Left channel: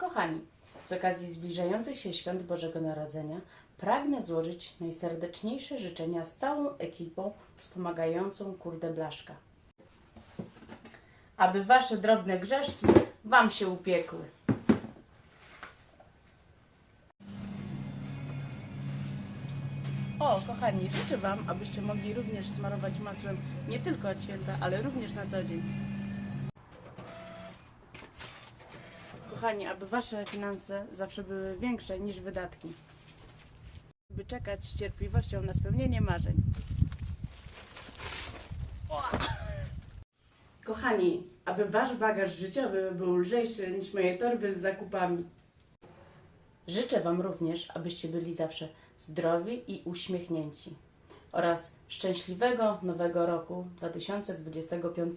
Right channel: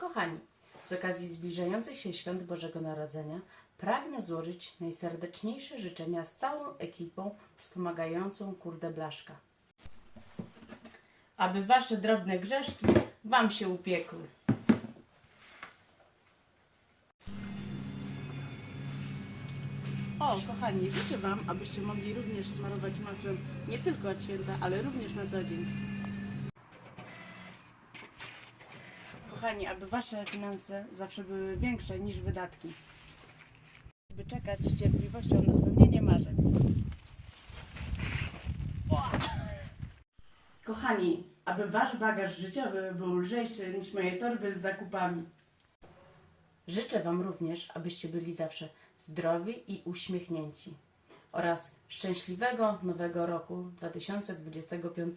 Kochani, z okazji zbliżających się świąt Bożego Narodzenia pragnę złożyć najserdeczniejsze życzenia z całą ekipą wspomagającą Kurde Blaszka. Aby wasze drobne grzeszki wam się upiekły. O, kochani, życzę Wam, abyście mogli również smarować masłem nie tylko od święta, ale również na co dzień. Kochani, aby Wasze finanse zawsze były większe niż wydatki. By czekać z cierpliwością na spełnienie marzeń. Kochani, aby Wasz bagaż życiowy był lżejszy niż moje torby z zakupami. Życzę Wam również, abyście byli zawsze zdrowi i uśmiechnięci oraz szczęśliwego nowego roku 2025.